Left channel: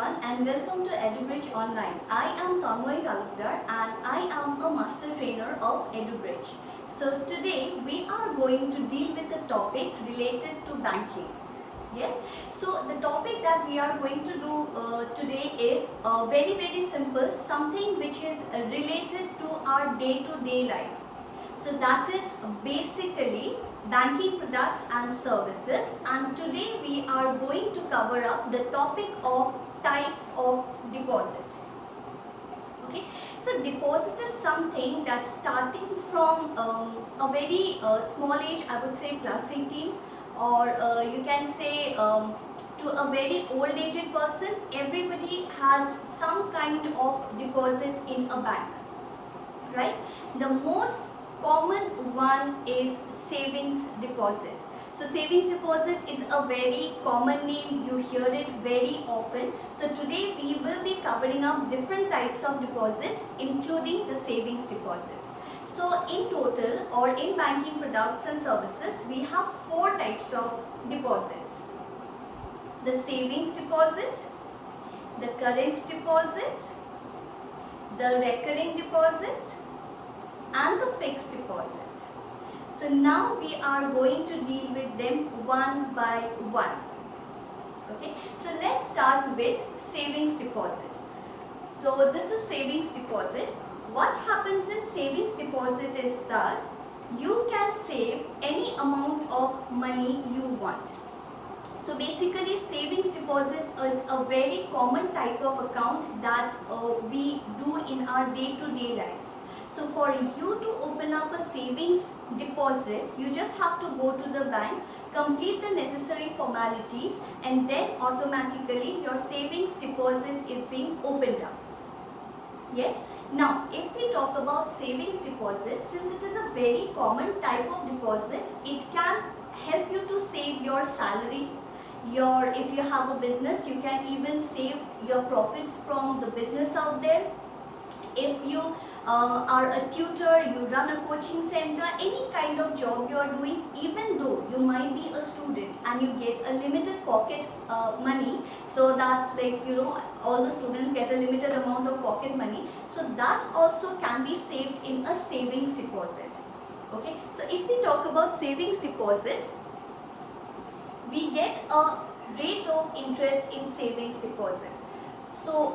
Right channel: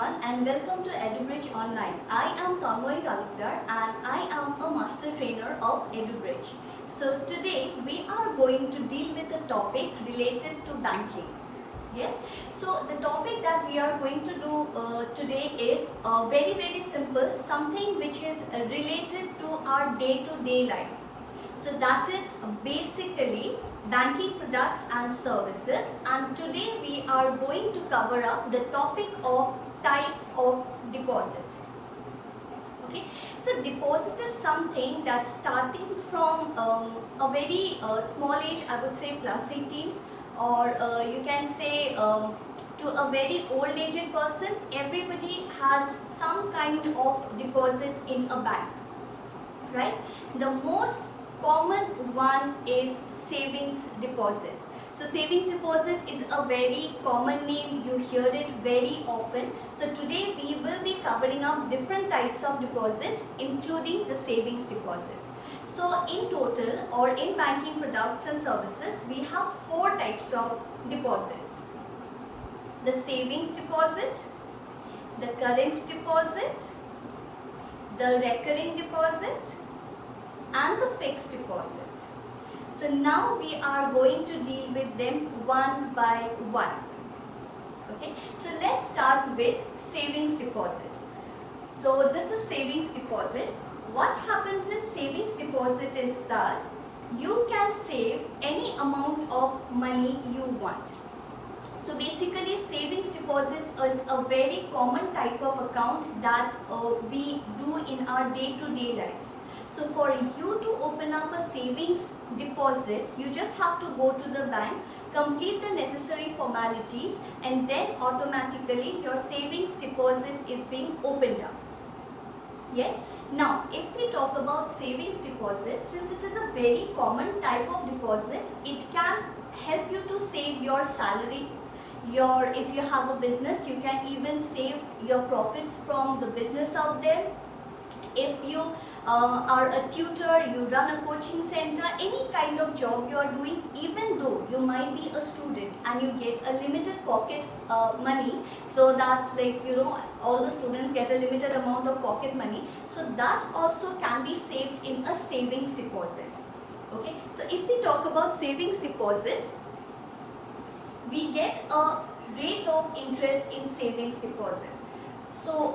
everyone and welcome to EduBridge Online. I am Tanmoy Talukdar and I am a master trainer of EduBridge. So today we are going to deal with a topic related to banking. Yes, so the topic that we are going to do today is very simple, something which is related to our day-to-day life. So that is basically banking products and services, and today we are going to cover up the topic of types of deposit. Okay, so deposit is something that's starting from a very small age, I would say plus 18, or you can say to a very old aged person. Everybody has some kind of deposit in a bank, right? The most common one is savings deposit. So savings deposit is a very common name, you hear it very often. So today we will be covering up different types of deposits including the savings deposit. So in total, or in banking products and services, we have four types of deposits: the savings deposit, the current deposit, the recurring deposit, and the fixed deposit. So now we are going to deal with them one by one. Okay, so let's start with savings deposit. So this is savings deposit. What happens in savings deposit is that you can save any amount of money you want. So basically savings deposit is a very common type of account that we do in our day-to-day lives. So for you to open up a savings deposit, you just have to go to the bank, complete the necessary formalities, and then automatically your savings deposit is being opened up. Yes. Now, if we talk about savings deposit, since it is a very common type of deposit, it can help you to save your salary. If you have a business, you can even save your profits from the business out there. If you are a tutor, you run a coaching center, any kind of job you are doing, even though you might be a student and you get a limited pocket money, so that all the students get a limited amount of pocket money, so that also can be saved in a savings deposit. Okay, so if we talk about savings deposit, we get a rate of interest in savings deposit. So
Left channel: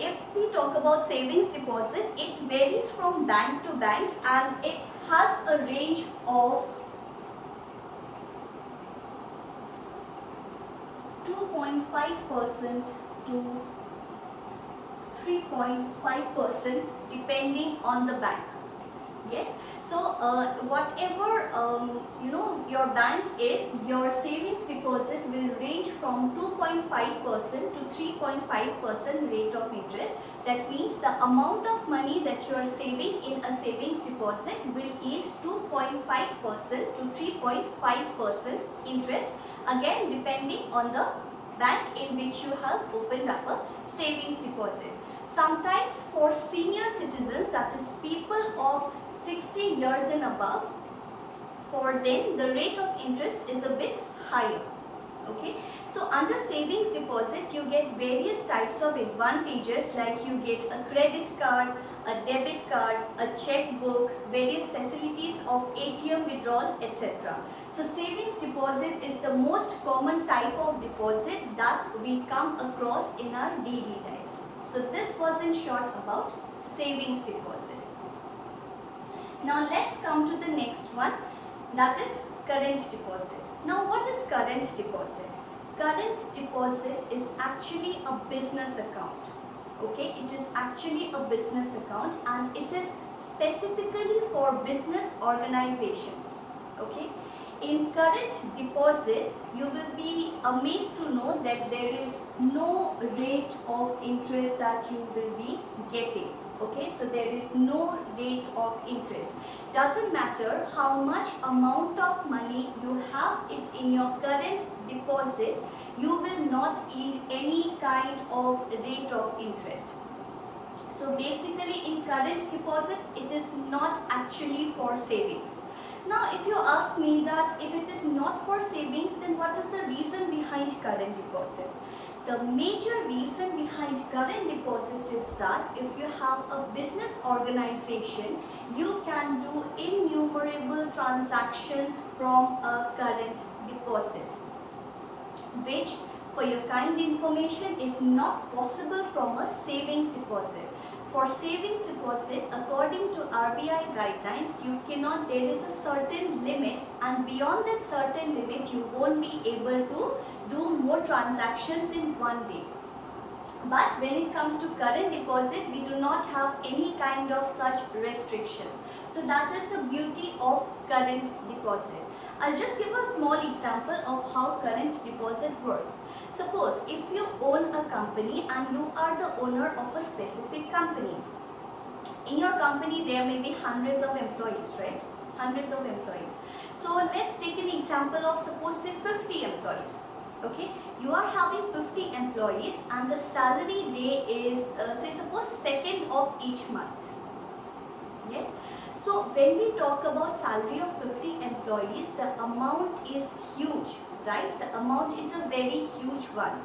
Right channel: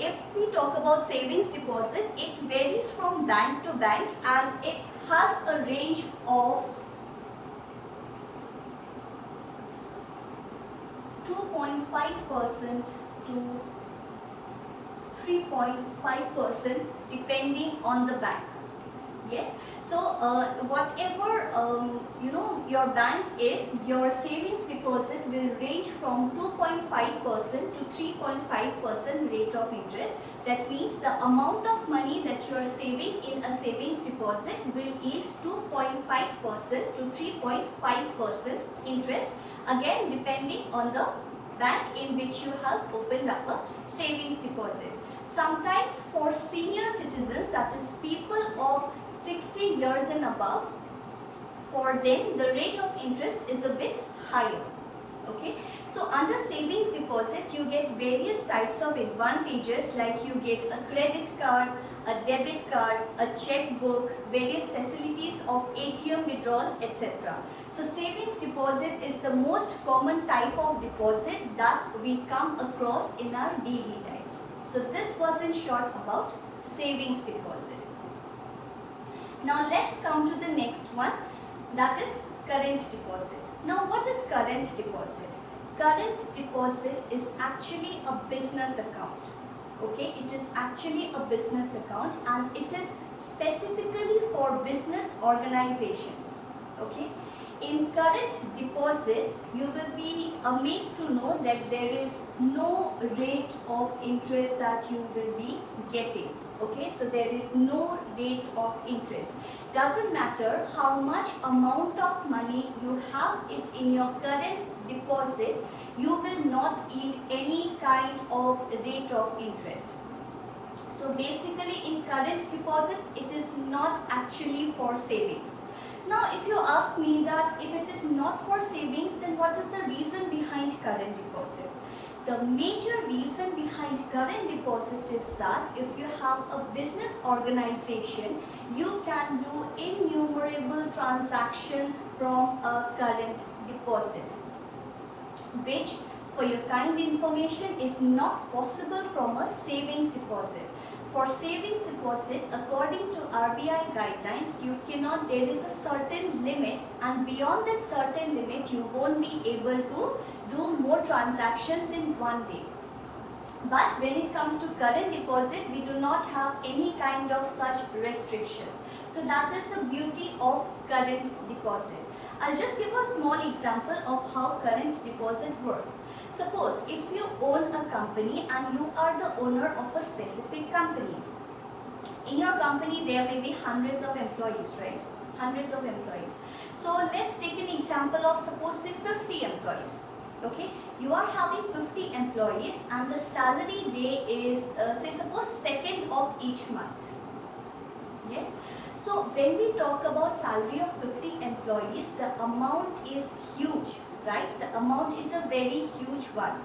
if we talk about savings deposit, it varies from bank to bank and it has a range of 2.5% to 3.5% depending on the bank. Yes. So whatever your bank is, your savings deposit will range from 2.5% to 3.5% rate of interest. That means the amount of money that you are saving in a savings deposit will yield 2.5% to 3.5% interest, again depending on the bank in which you have opened up a savings deposit. Sometimes for senior citizens, that is people of 60 years and above, for them the rate of interest is a bit higher. Okay, so under savings deposit you get various types of advantages, like you get a credit card, a debit card, a checkbook, various facilities of ATM withdrawal, etc. So savings deposit is the most common type of deposit that we come across in our daily lives. So this was in short about savings deposit. Now let's come to the next one, that is current deposit. Now what is current deposit? Current deposit is actually a business account. Okay, it is actually a business account and it is specifically for business organizations. Okay, in current deposits you will be amazed to know that there is no rate of interest that you will be getting. Okay, so there is no rate of interest. Doesn't matter how much amount of money you have it in your current deposit, you will not yield any kind of rate of interest. So basically in current deposit, it is not actually for savings. Now if you ask me that if it is not for savings, then what is the reason behind current deposit? The major reason behind current deposit is that if you have a business organization, you can do innumerable transactions from a current deposit, which for your kind information is not possible from a savings deposit. For savings deposit, according to RBI guidelines, there is a certain limit, and beyond that certain limit, you won't be able to do more transactions in one day. But when it comes to current deposit, we do not have any kind of such restrictions. So that is the beauty of current deposit. I'll just give a small example of how current deposit works. Suppose if you own a company and you are the owner of a specific company. In your company there may be hundreds of employees, right? Hundreds of employees. So let's take an example of suppose say 50 employees. Okay, you are having 50 employees and the salary day is say suppose 2nd of each month. Yes. So when we talk about salary of 50 employees, the amount is huge, right? The amount is a very huge one.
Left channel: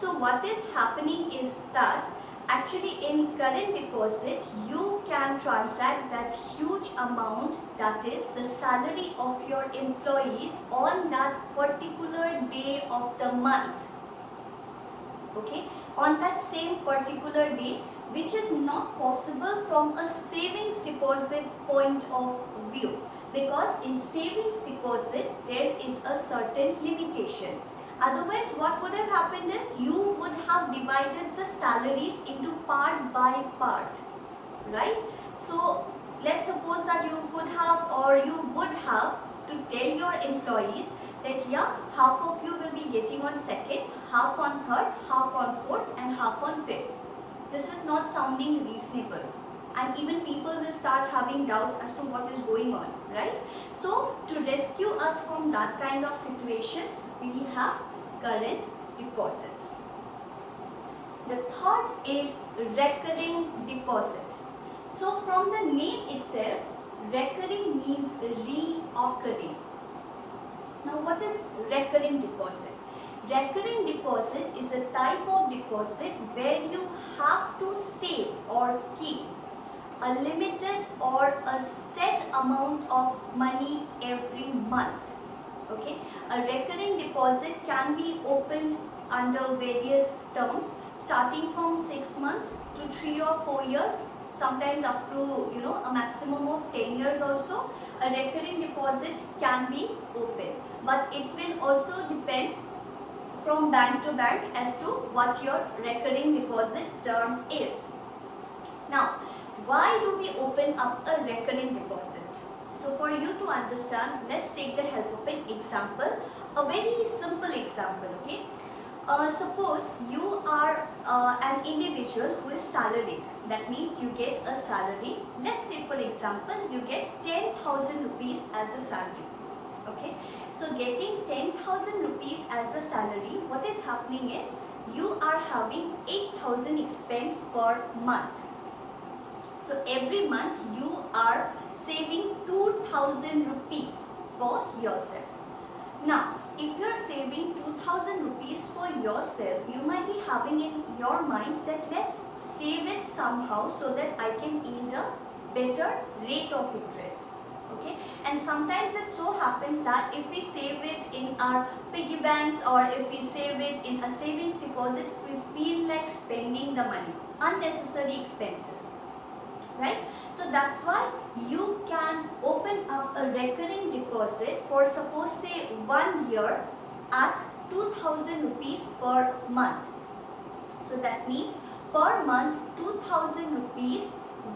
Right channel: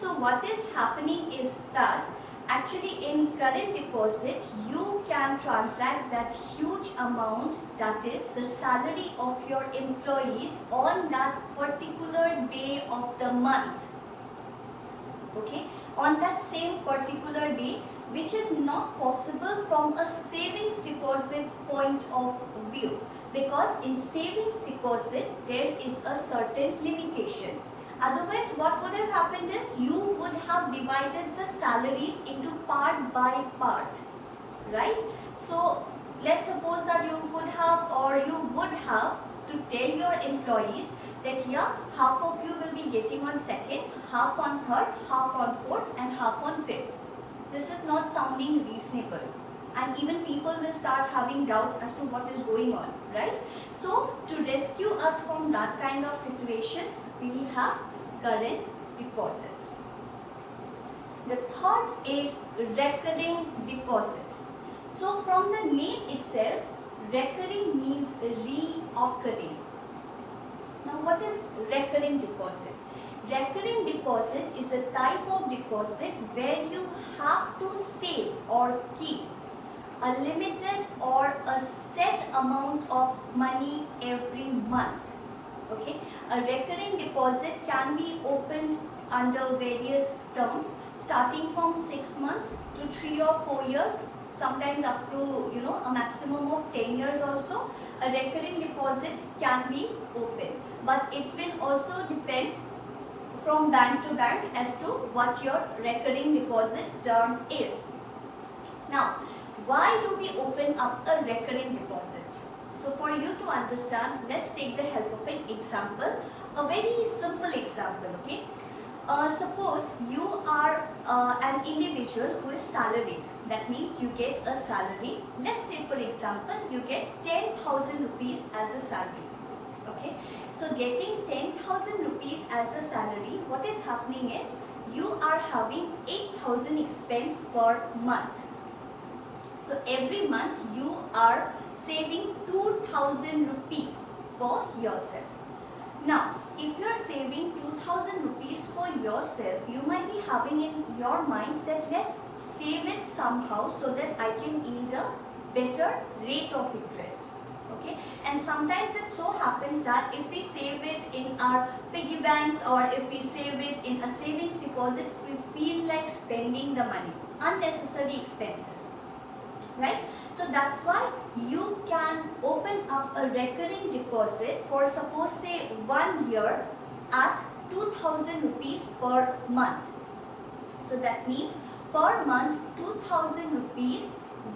So what is happening is that actually in current deposit, you can transact that huge amount, that is the salary of your employees, on that particular day of the month. Okay, on that same particular day, which is not possible from a savings deposit point of view, because in savings deposit there is a certain limitation. Otherwise what would have happened is you would have divided the salaries into part by part, right? So let's suppose that you could have, or you would have to tell your employees that yeah, half of you will be getting on 2nd, half on 3rd, half on 4th and half on 5th. This is not sounding reasonable, and even people will start having doubts as to what is going on, right? So to rescue us from that kind of situations, we have current deposits. The third is recurring deposit. So from the name itself, recurring means reoccurring. Now what is recurring deposit? Recurring deposit is a type of deposit where you have to save or keep a limited or a set amount of money every month. Okay, a recurring deposit can be opened under various terms, starting from 6 months to 3 or 4 years, sometimes up to a maximum of 10 years also. A recurring deposit can be opened, but it will also depend from bank to bank as to what your recurring deposit term is. Now, why do we open up a recurring deposit? So for you to understand, let's take the help of an example, a very simple example, okay? Suppose you are an individual who is salaried. That means you get a salary. Let's say for example, you get 10,000 rupees as a salary, okay? So getting 10,000 rupees as a salary, what is happening is you are having 8,000 expense per month. So every month you are saving 2,000 rupees for yourself. Now, if you are saving 2,000 rupees for yourself, you might be having in your mind that let's save it somehow so that I can yield a better rate of interest. Okay, and sometimes it so happens that if we save it in our piggy banks or if we save it in a savings deposit, we feel like spending the money, unnecessary expenses, right? So that's why you can open up a recurring deposit for suppose say 1 year at 2,000 rupees per month. So that means per month 2,000 rupees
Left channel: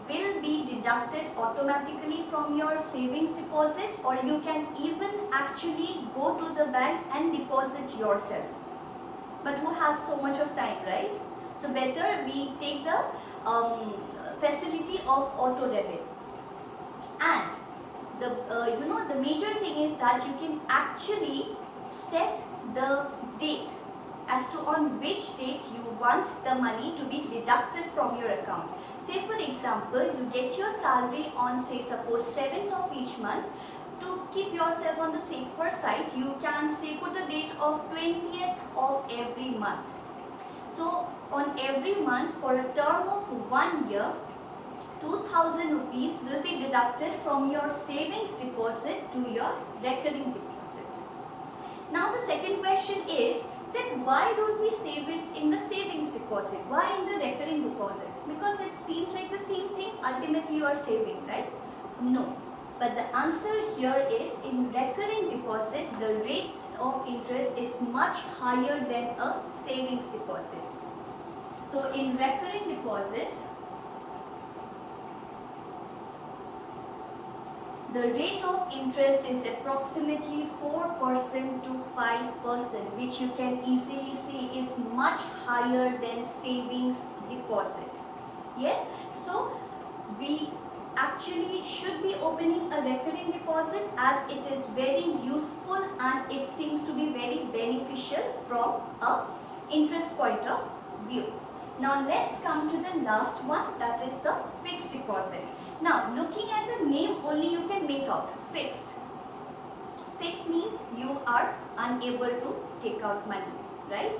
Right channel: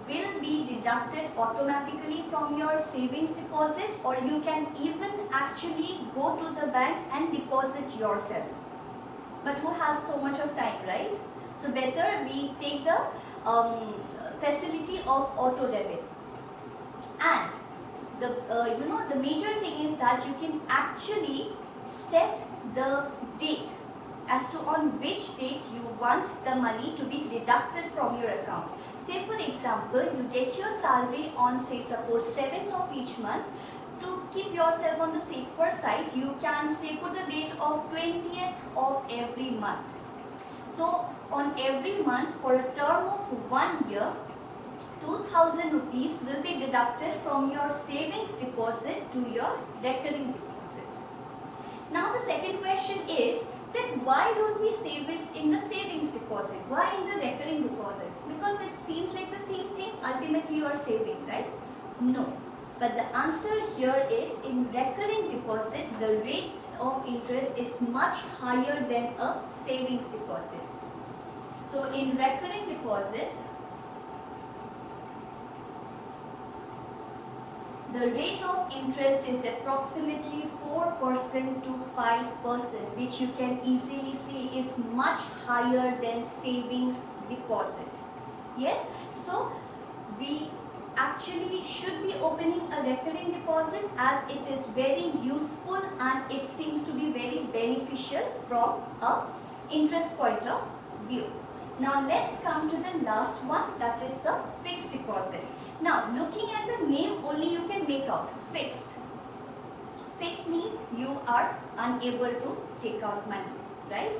will be deducted automatically from your savings deposit, or you can even actually go to the bank and deposit yourself. But who has so much of time, right? So better we take the facility of auto debit. And the major thing is that you can actually set the date as to on which date you want the money to be deducted from your account. Say for example, you get your salary on say suppose 7th of each month. To keep yourself on the safer side, you can say put a date of 20th of every month. So on every month for a term of 1 year, 2000 rupees will be deducted from your savings deposit to your recurring deposit. Now the second question is that why don't we save it in the savings deposit? Why in the recurring deposit? Because it seems like the same thing. Ultimately you are saving, right? No. But the answer here is in recurring deposit, the rate of interest is much higher than a savings deposit. So in recurring deposit, the rate of interest is approximately 4% to 5%, which you can easily see is much higher than savings deposit. Yes, so we actually should be opening a recurring deposit as it is very useful and it seems to be very beneficial from a interest point of view. Now let's come to the last one, that is the fixed deposit. Now looking at the name only you can make out fixed. Fixed means you are unable to take out money, right?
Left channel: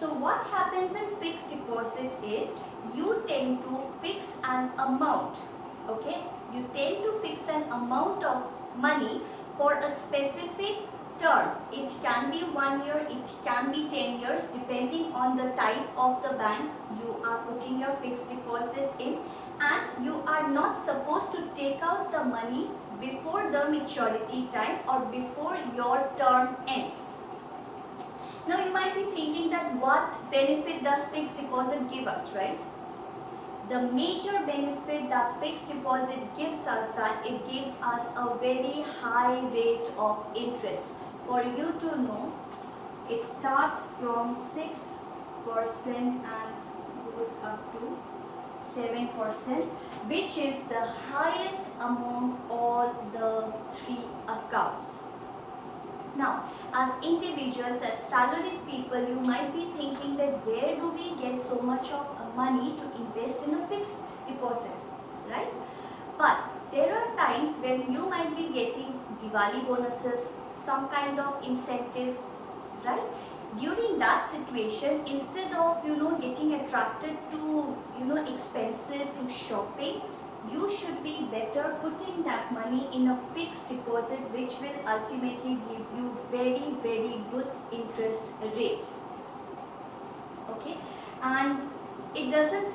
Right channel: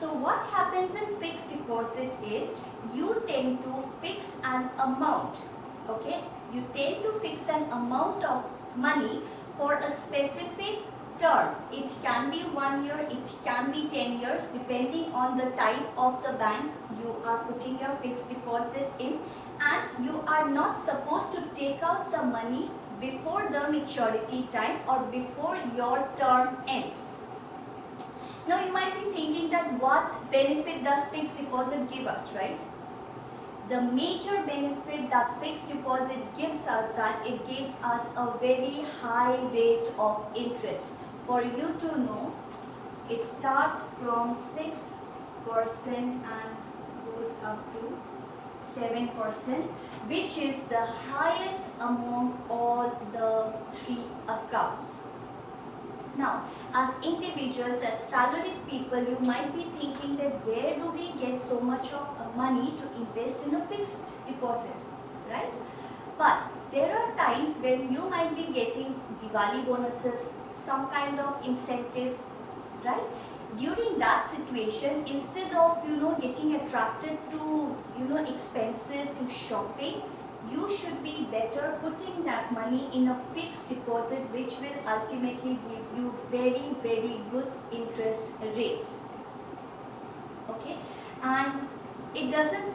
So what happens in fixed deposit is you tend to fix an amount, okay? You tend to fix an amount of money for a specific term. It can be 1 year, it can be 10 years depending on the type of the bank you are putting your fixed deposit in, and you are not supposed to take out the money before the maturity time or before your term ends. Now you might be thinking that what benefit does fixed deposit give us, right? The major benefit that fixed deposit gives us, that it gives us a very high rate of interest. For you to know, it starts from 6% and goes up to 7%, which is the highest among all the three accounts. Now, as individuals, as salaried people, you might be thinking that where do we get so much of money to invest in a fixed deposit, right? But there are times when you might be getting Diwali bonuses, some kind of incentive, right? During that situation, instead of getting attracted to expenses, to shopping, you should be better putting that money in a fixed deposit, which will ultimately give you very, very good interest rates. Okay, and it doesn't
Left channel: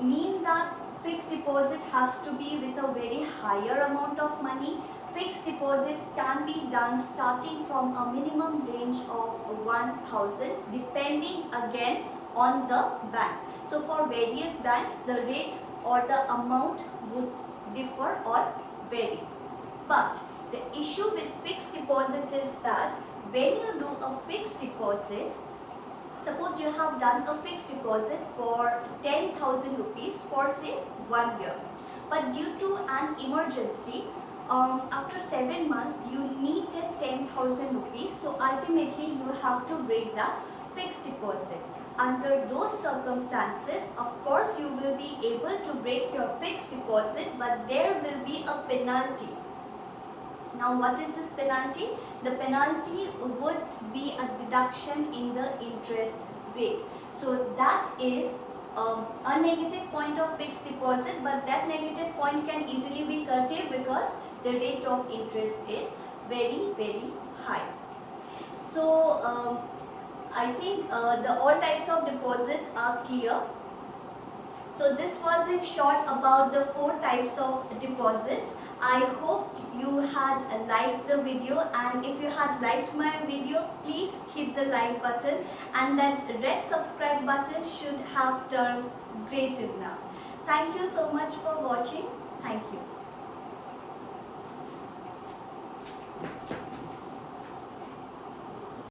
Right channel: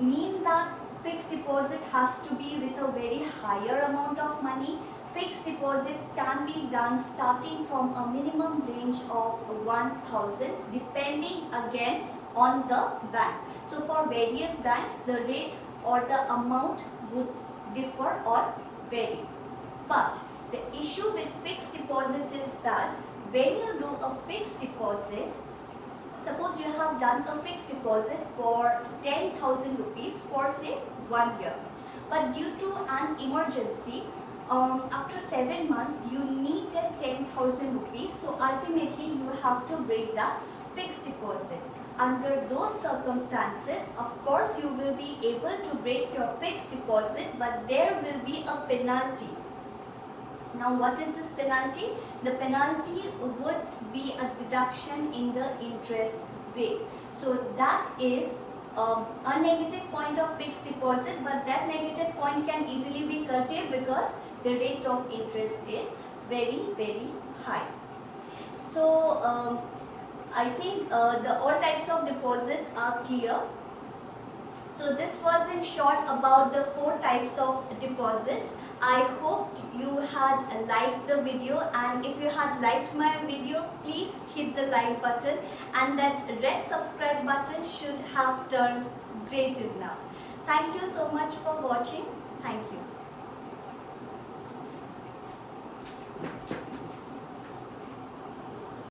mean that fixed deposit has to be with a very higher amount of money. Fixed deposits can be done starting from a minimum range of 1000, depending again on the bank. So for various banks, the rate or the amount would differ or vary. But the issue with fixed deposit is that when you do a fixed deposit, suppose you have done a fixed deposit for 10,000 rupees for say 1 year, but due to an emergency, after 7 months you need that 10,000 rupees, so ultimately you have to break the fixed deposit. Under those circumstances, of course, you will be able to break your fixed deposit, but there will be a penalty. Now, what is this penalty? The penalty would be a deduction in the interest rate. So that is a negative point of fixed deposit, but that negative point can easily be curtailed because the rate of interest is very, very high. So I think the all types of deposits are clear. So this was in short about the 4 types of deposits. I hope you had liked the video, and if you had liked my video, please hit the like button, and that red subscribe button should have turned grey till now. Thank you so much for watching. Thank you.